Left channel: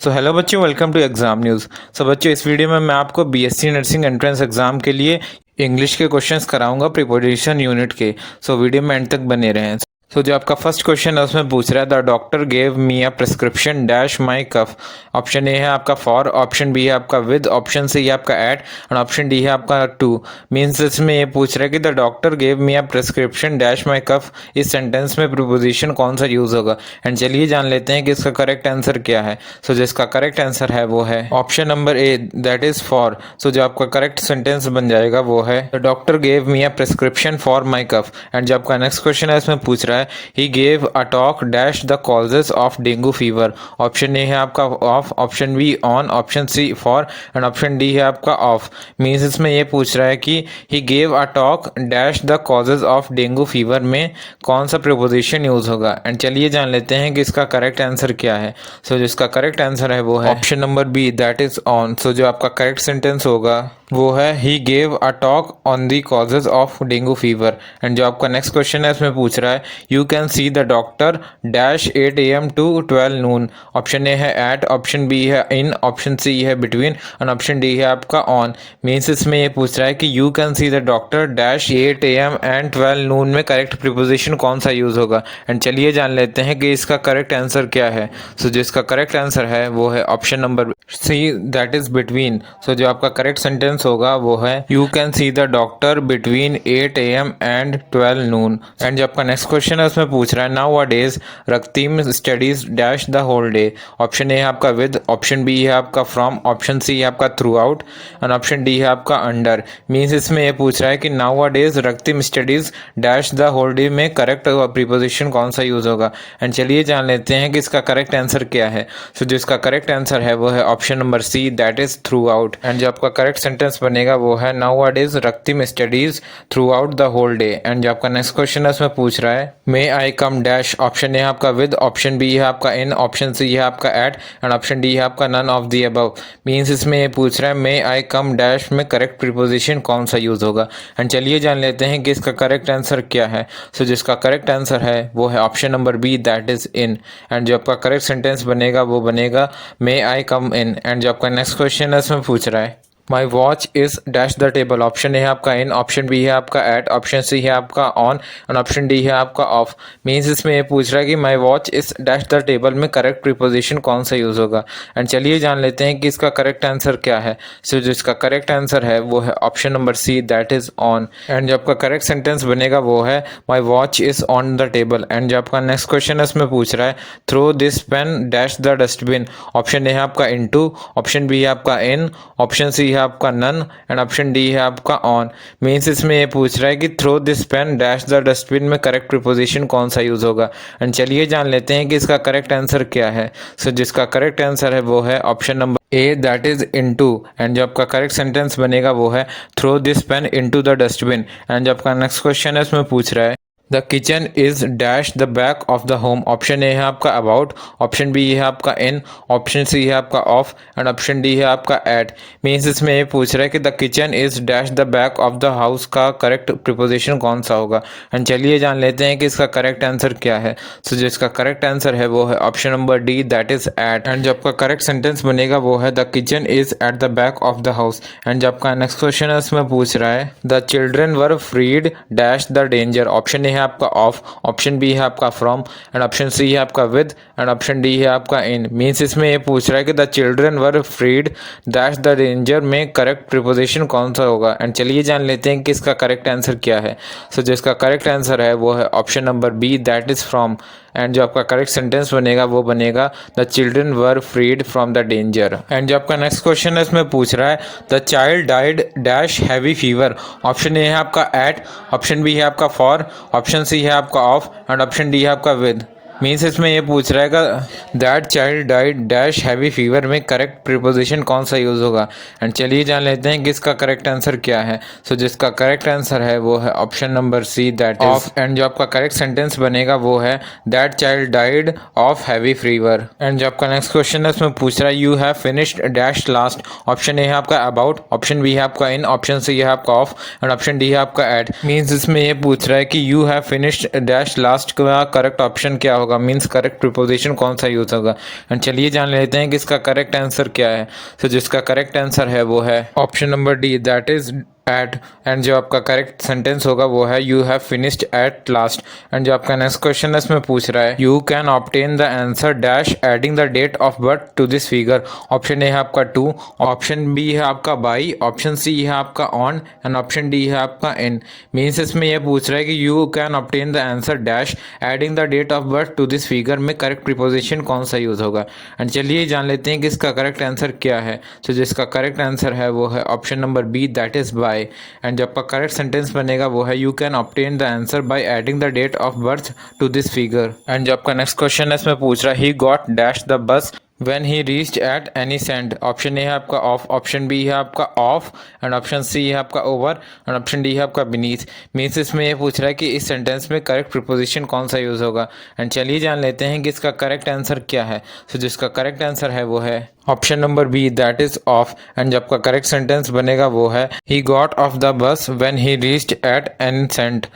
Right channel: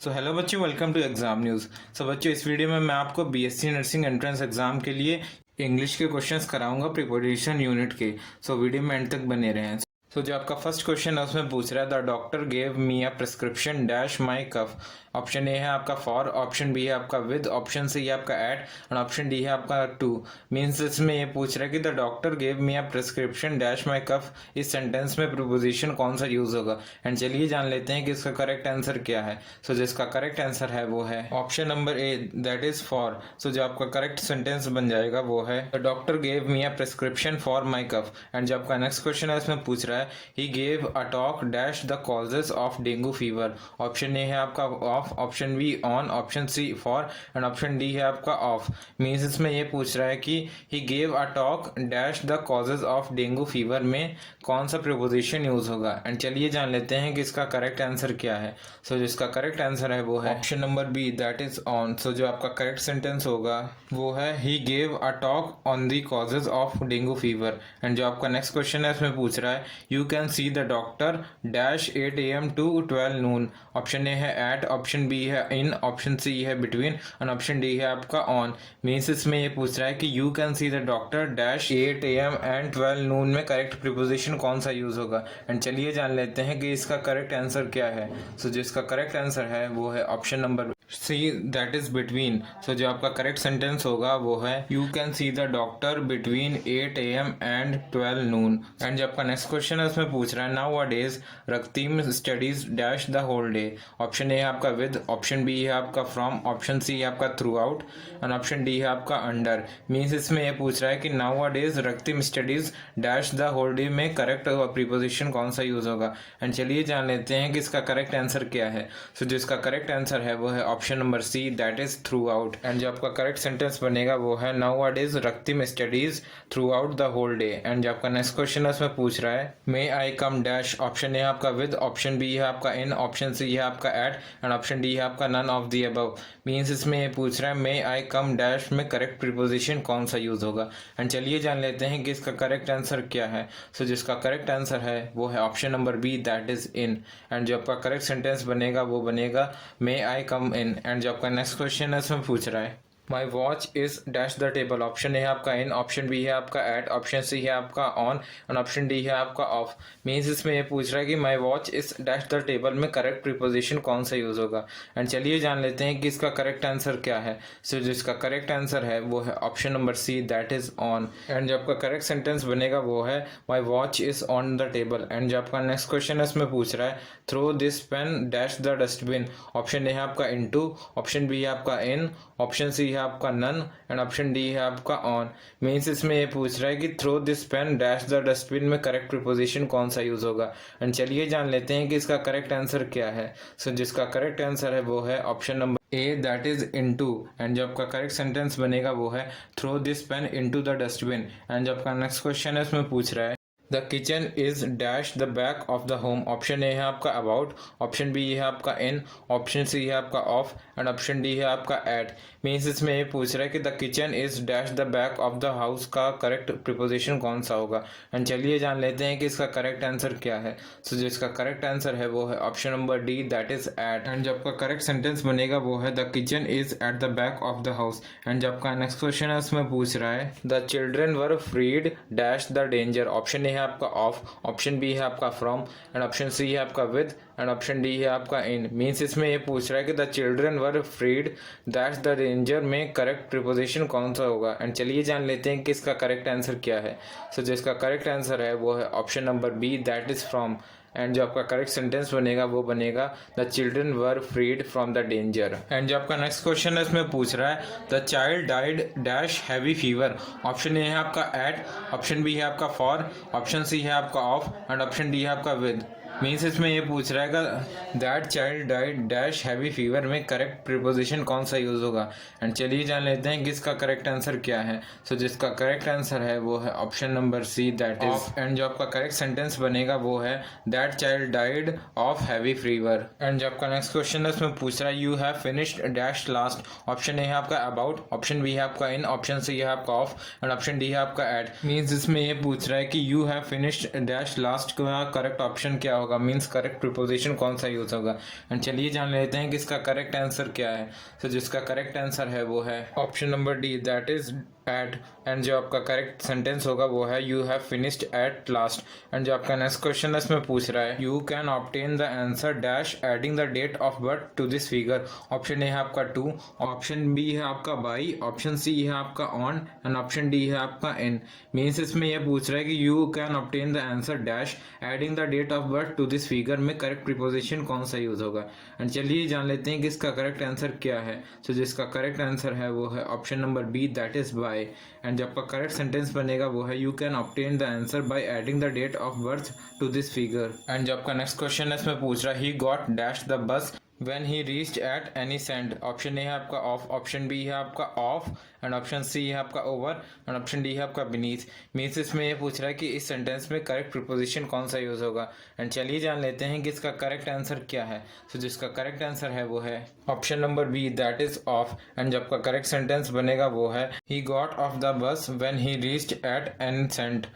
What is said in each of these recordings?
So hello बच्चों, welcome to exam news. सो बच्चों, इस वीडियो में मैं आपको बीएससी नर्सिंग एंट्रेंस एग्जाम के लिए इंग्लिश के क्वेश्चंस कराऊंगा प्रिपरेशन यूनिट के। सो वीडियो में एंड तक बने रहें। सो जो आपका फर्स्ट क्वेश्चन है उसमें पूछ रहा है, the doctor gave me a prescription dash my cough. Option A है आपका फॉर, ऑप्शन बी है आपका विद, ऑप्शन सी है आपका एट एंड ऑप्शन डी है आपका टू। मीन्स इसमें ये पूछ रहा है कि the doctor gave me a prescription dash my cough. इस सेंटेंस में प्रीपोजिशन कौन सा यूज होगा। एंड चलिए जान लेते हैं कि इसका करेक्ट आंसर क्या है। सो जिसका करेक्ट आंसर है वो है option number A, that is for. So जो आपका करेक्ट सेंटेंस बन जाएगा वो है, the doctor gave me a prescription for my cough. And जो आपका नेक्स्ट क्वेश्चन है इसमें पूछ रहा है, he gave a talk dash the causes of dengue fever. Option A है आपका off, option B on, option C for and option D है आपका ऑफ। मीन्स इसमें ये पूछ रहा है कि ही gave a talk dash the causes of dengue fever में कौन सा प्रीपोजिशन यूज होगा। एंड चलिए जान लेते हैं कि इसका करेक्ट आंसर क्या है। सो जिसका करेक्ट आंसर है वो है option number B, that is on. So जो आपका करेक्ट सेंटेंस होगा वो है, he gave a talk on the causes of dengue fever. And जो आपका नेक्स्ट क्वेश्चन है इसमें पूछ रहा है, you can see the doctor dash 8 AM to 12 noon. Option A है एट, ऑप्शन बी है इन, ऑप्शन सी है बिटवीन एंड ऑप्शन डी है आपका ऑन। मीन्स इसमें ये पूछ रहा है कि you can see the doctor dash 8 AM and 12 नून में करेक्ट प्रीपोजिशन कौन सा यूज होगा। एंड चलिए जान लेते हैं कि इसका करेक्ट आंसर क्या है। सो जिसका करेक्ट आंसर है वो है option number C, that is between. So जो आपका करेक्ट सेंटेंस होगा वो है, you can see the doctor between 8 AM and 12 noon. And जो आपका नेक्स्ट क्वेश्चन है उसमें पूछ रहा है, nowadays Raktim studies dash the whole day. Option A है आपका विद, ऑप्शन बी है आपका फ्रॉम, ऑप्शन सी है आपका through out and option D है आपका अंडर। मीन्स इसमें ये पूछ रहा है कि nowadays Raktim studies dash the whole day में करेक्ट प्रीपोजिशन कौन सा यूज होगा। एंड चलिए जान लेते हैं कि इसका करेक्ट आंसर क्या है। सो जिसका करेक्ट आंसर है वो है option number C, that is throughout. And जो आपका करेक्ट सेंटेंस बनेगा वो है, nowadays Raktim studies throughout the whole day. And जो आपका नेक्स्ट क्वेश्चन है उसमें पूछ रहा है, may I come dash. Option A है आपका विद, ऑप्शन बी है आपका इन, ऑप्शन सी है आपका एट एंड ऑप्शन डी है आपका none of the above. Means इसमें ये पूछ रहा है, मे आई कम डैश में करेक्ट प्रीपोजिशन कौन सा यूज होगा। एंड चलिए जान लेते हैं कि इसका करेक्ट आंसर क्या है। सो जिसका करेक्ट आंसर है वो है option number B, that is in. And जो आपका करेक्ट सेंटेंस बनेगा वो बनेगा, मे आई कम इन। एंड जो आपका नेक्स्ट क्वेश्चन है उसमें पूछ रहा है, my watch is dash the table. Option A है आपका इन, ऑप्शन बी है आपका एट, ऑप्शन सी है आपका ऑन एंड ऑप्शन डी है आपका ऑफ। मीन्स इसमें ये पूछ रहा है कि माई watch is dash the table में करेक्ट प्रीपोजिशन कौन सा यूज होगा। एंड चलिए जान लेते हैं कि इसका करेक्ट आंसर क्या है। सो जिसका करेक्ट आंसर है वो है option number C, that is on. And जो आपका करेक्ट सेंटेंस बनेगा वो है, my watch is on the table. And जो आपका नेक्स्ट क्वेश्चन है उसमें पूछ रहा है, throw this pen dash the dustbin. Option A है आपका इनटू, ऑप्शन बी है आपका इन, ऑप्शन सी है आपका नन एंड ऑप्शन डी है आपका ऑन। मीन्स इसमें ये पूछ रहा है कि throw this pen dash the dustbin में करेक्ट प्रीपोजिशन कौन सा यूज होगा। एंड चलिए जान लेते हैं कि इसका करेक्ट आंसर क्या है। सो जिसका करेक्ट आंसर है वो है option number A, that is into. And जो आपका करेक्ट सेंटेंस बनेगा वो है, throw this pen into the dustbin. And जो आपका नेक्स्ट क्वेश्चन है उसमें पूछ रहा है, the kitchen is dash the back of the home. Option A है आपका अबाउट, ऑप्शन बी है आपका इन, ऑप्शन सी है आपका ऑफ एंड ऑप्शन डी है आपका एट। मीन्स इसमें ये पूछ रहा है कि the kitchen is dash the back of the house का करेक्ट प्रीपोजिशन कौन सा होगा। एंड चलिए जान लेते हैं कि इसका करेक्ट आंसर क्या है। सो जिसका करेक्ट आंसर है वो है option number D, that is at. And जो आपका करेक्ट सेंटेंस बनेगा वो है, the kitchen is at the back of the house. And जो आपका नेक्स्ट क्वेश्चन है उसमें पूछ रहा है, the children were freed dash the danger. Option A है आपका ऑफ, ऑप्शन बी है आपका फ्रॉम एंड ऑप्शन सी है आपका विद एंड ऑप्शन डी है आपका इन। मीन्स इसमें ये पूछ रहा है कि the children were freed dash the danger में करेक्ट प्रीपोजिशन कौन सा होगा। एंड चलिए जान लेते हैं कि इसका करेक्ट आंसर क्या है। सो जिसका करेक्ट आंसर है वो है option number B, that is from. And जो आपका करेक्ट सेंटेंस बनेगा वो बनेगा, the children were freed from the danger. And जो आपका नेक्स्ट क्वेश्चन है इसमें पूछ रहा है, the child died dash heavy fever. Option A है आपका एट, ऑप्शन बी है आपका फॉर, ऑप्शन सी है आपका ऑफ एंड ऑप्शन डी है आपका विद। मीन्स इसमें ये पूछ रहा है, that child died dash heavy fever में करेक्ट प्रीपोजिशन कौन सा यूज होगा। एंड चलिए जान लेते हैं कि इसका करेक्ट आंसर क्या है। सो जिसका करेक्ट आंसर है वो है option number C, that of. And जो आपका करेक्ट सेंटेंस बनेगा वो है, that child died of heavy fever. And जो आपका नेक्स्ट क्वेश्चन है उसमें पूछ रहा है, you have finished dash last. Option A है आपका अबाउट, ऑप्शन बी है आपका इन, ऑप्शन सी है आपका ऑफ एंड ऑप्शन डी है आपका एट। मीन्स इसमें ये पूछ रहा है कि you have finished dash last का करेक्ट ऑप्शन क्या होगा। होगा, मीन्स करेक्ट प्रीपोजिशन कौन सा यूज़ होगा। एंड चलिए जान लेते हैं कि इसका करेक्ट आंसर क्या है। तो जिसका करेक्ट आंसर है वो है option number D, that is at. And जो आपका करेक्ट सेंटेंस होगा वो है you have finished at last. And जो आपका नेक्स्ट क्वेश्चन है इसमें पूछ रहा है you can obtain the answer dash adding the date of birth to this figure. Option A है आपका 2, ऑप्शन बी है आपका बाई, ऑप्शन सी है आपका ऑन एंड ऑप्शन डी है आपका इन। मीन्स इसमें यह पूछ रहा है कि you can obtain the answer dash adding the date of birth to this figure में करेक्ट प्रीपोजिशन कौन सा यूज़ होगा। एंड चलिए जान लेते हैं कि इसका करेक्ट आंसर क्या है। तो जिसका करेक्ट आंसर है वो है option number B, that is by. And जो आपका करेक्ट सेंटेंस बनेगा वो है you can obtain the answer by adding the date of birth to this figure. And जो आपका नेक्स्ट क्वेश्चन है इसमें पूछ रहा है he got dash the bus when he reached at any cent। Option A है आपका ऑफ, ऑप्शन बी है आपका ऑफ एंड ऑप्शन सी है आपका ओवर एंड ऑप्शन डी है आपका बीनीथ। मीन्स इसमें ये पूछ रहा है कि इस सेंटेंस में करेक्ट प्रीपोजिशन कौन सा यूज़ होगा। एंड चलिए जान लेते हैं कि इसका करेक्ट आंसर क्या है। तो जिसका करेक्ट आंसर है वो है option number B, that is off. And जब आपका करेक्ट सेंटेंस बनेगा वो है he got off the bus when he reached at any cent.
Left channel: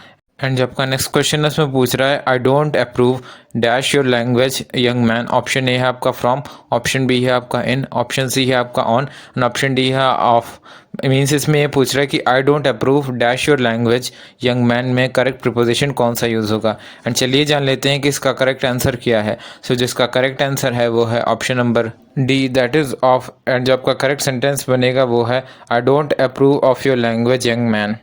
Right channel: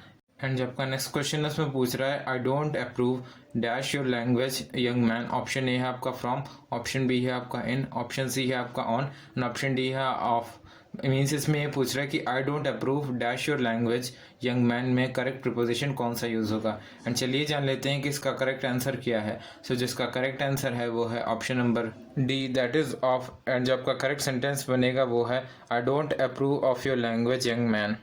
And जब का नेक्स्ट क्वेश्चन इसमें पूछ रहा है I don't approve dash your language young man. Option A है आपका फ्रॉम, ऑप्शन बी है आपका इन, ऑप्शन सी है आपका ऑन एंड ऑप्शन डी है ऑफ। मीन्स इसमें ये पूछ रहा है कि आई don't approve dash your language young man में करेक्ट प्रीपोजिशन कौन सा यूज़ होगा। एंड चलिए जान लेते हैं कि इसका करेक्ट आंसर क्या है। सो जिसका करेक्ट आंसर है वो है option number D, that is of. And जो आपका करेक्ट सेंटेंस बनेगा वो है I don't approve of your language young man.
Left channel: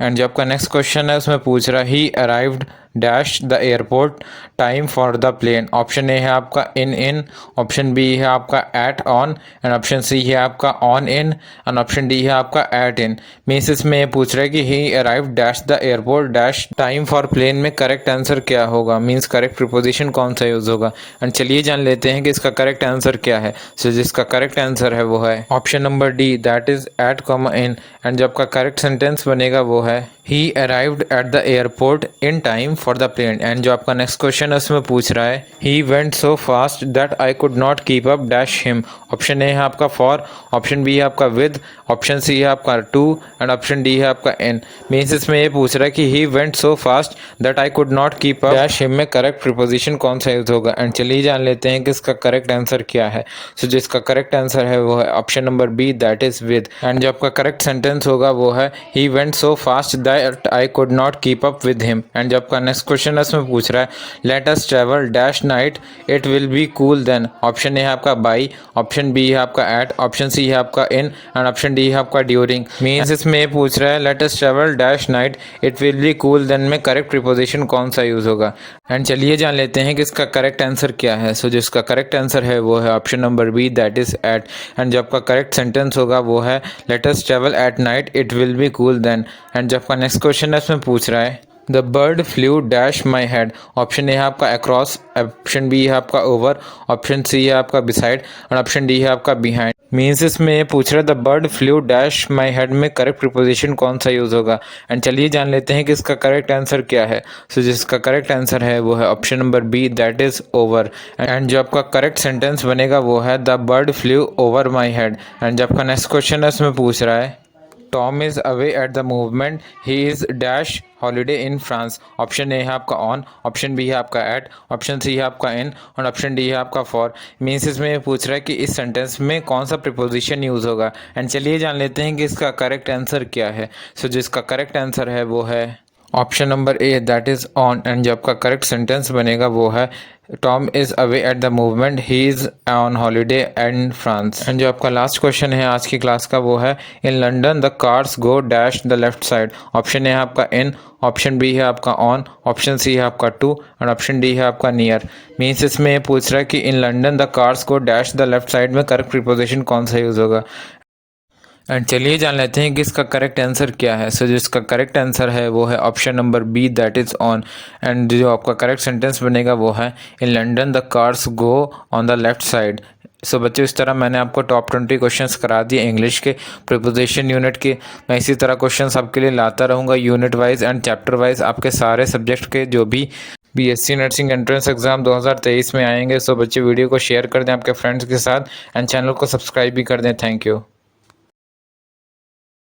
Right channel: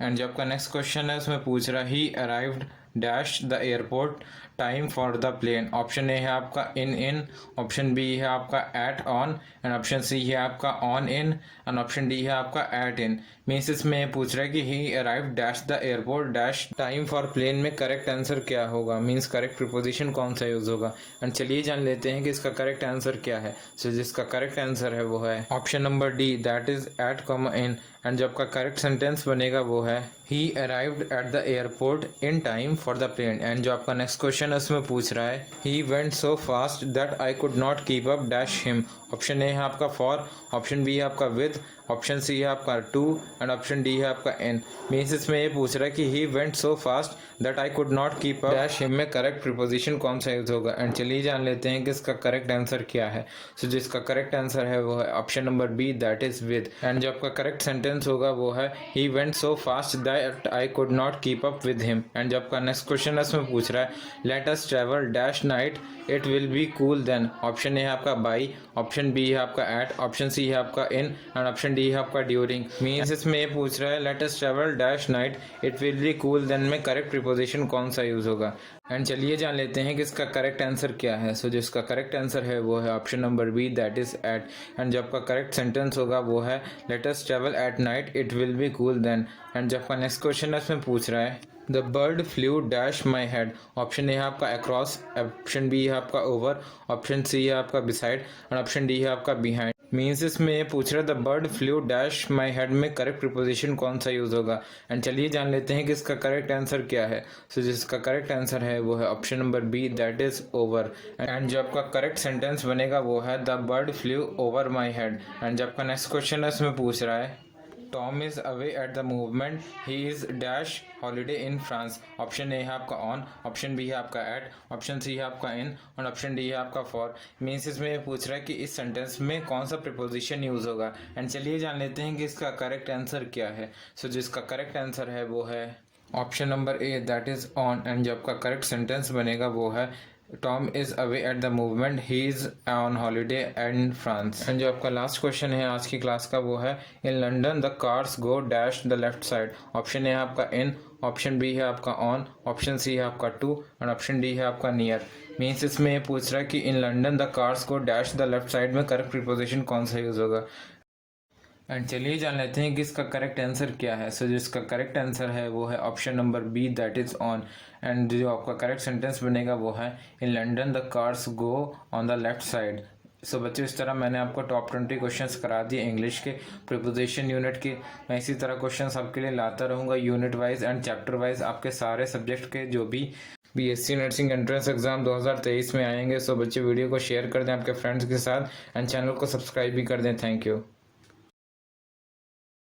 And जो आपका नेक्स्ट क्वेश्चन है उसमें पूछ रहा है he arrived dash the airport time for the plane. Option A है आपका इन, ऑप्शन बी है आपका at on and option C है आपका on in and option D है आपका एट इन। मीन्स इसमें ये पूछ रहा है कि he arrived dash the airport dash time for plane में करेक्ट आंसर क्या होगा, मीन्स करेक्ट प्रीपोजिशन कौन सा यूज़ होगा। एंड चलिए जान लेते हैं कि इसका करेक्ट आंसर क्या है। सो जिसका करेक्ट आंसर है वो है option number D, that is at comma in. And जो आपका करेक्ट सेंटेंस बनेगा वो है he arrived at the airport in time for the plane. And जो आपका नेक्स्ट क्वेश्चन है उसमें पूछ रहा है he went so fast that I could not keep up dash him. Option A है आपका फॉर, ऑप्शन बी है आपका विद, ऑप्शन सी है आपका टू एंड ऑप्शन डी है आपका इन। मीन्स इसमें ये पूछ रहा है कि ही went so fast that I could not keep up dash him में करेक्ट प्रीपोजिशन कौन सा यूज होगा। एंड चलिए जान लेते हैं कि इसका करेक्ट आंसर क्या है। सो जिसका करेक्ट आंसर है वो है option number B, that is with. And जो आपका करेक्ट सेंटेंस होगा वो है he went so fast that I could not keep up with him. And जो आपका नेक्स्ट क्वेश्चन है उसमें पूछ रहा है let us travel dash night it will be cool then. Option A है आपका बाई, ऑप्शन बी है आपका एट, ऑप्शन सी है आपका इन एंड ऑप्शन डी है आपका ड्यूरिंग। मीन्स इसमें ये पूछ रहा है let us travel dash night it will be cool then में करेक्ट प्रीपोजिशन कौन सा यूज होगा। एंड चलिए जान लेते हैं कि इसका करेक्ट आंसर क्या है। सो जिसका करेक्ट आंसर है वो है option number B, that is at. And जो आपका करेक्ट सेंटेंस होगा वो है let us travel at night it will be cool then. And जो आपका नेक्स्ट क्वेश्चन है इसमें पूछ रहा है the bird flew dash my head. Option A है आपका अक्रॉस, ऑप्शन बी है आपका ओवर, ऑप्शन सी है आपका बिसाइड और ऑप्शन डी है आपका बिहाइंड। मीन्स इसमें ये पूछ रहा है the bird flew dash my head में करेक्ट प्रीपोजिशन कौन सा यूज़ होगा। एंड चलिए जान लेते हैं कि इसका करेक्ट आंसर क्या है। सो जिसका करेक्ट आंसर है वो है option number B, that is over. And जो आपका करेक्ट सेंटेंस बनेगा वो है the bird flew over my head. And जो आपका नेक्स्ट क्वेश्चन है उसमें पूछ रहा है Tom is away at the movement he is dash holiday in France. Option A है आपका ऑन, ऑप्शन बी है आपका एट, ऑप्शन सी है आपका इन और ऑप्शन डी है आपका फॉर। मीन्स इसमें ये पूछ रहा है कि इस सेंटेंस में कौन सा प्रीपोजिशन यूज़ होगा। एंड चलिए जान लेते हैं कि इसका करेक्ट आंसर क्या है। सो जिसका करेक्ट आंसर है वो है option number A, that is on. And जो आपका करेक्ट सेंटेंस बनेगा वो है Tom is away at the movement he is on holiday in France. And जो आपका लास्ट क्वेश्चन है आज की क्लास का वो है in London the cars go dash the left side. Option A है आपका इन, ऑप्शन बी है आपका ऑन, ऑप्शन सी है आपका टू और ऑप्शन डी है आपका नियर। मीन्स इसमें ये पूछ रहा है कि इन London the cars go dash the left side में करेक्ट प्रीपोजिशन कौन सा यूज़ होगा। एंड चलिए जान लेते हैं कि इसका करेक्ट आंसर क्या है। सो जिसका करेक्ट आंसर है वो है option number B, that is on. And जो आपका करेक्ट सेंटेंस बनेगा वो है in London the cars go on the left side. So बच्चों इस तरह मैंने आपको टॉप 20 क्वेश्चंस करा दिए इंग्लिश के प्रीपोजिशन यूनिट के। मैं इसी तरह क्वेश्चंस आपके लिए लाता रहूँगा unit wise and chapter wise आपके सारे सब्जेक्ट के जो भी बीएससी नर्सिंग एंट्रेंस एग्जाम 2023 में आएंगे। सो बच्चे वीडियो को शेयर कर दें आपके फ्रेंड्स के साथ एंड चैनल को सब्सक्राइब भी कर दें। Thank you.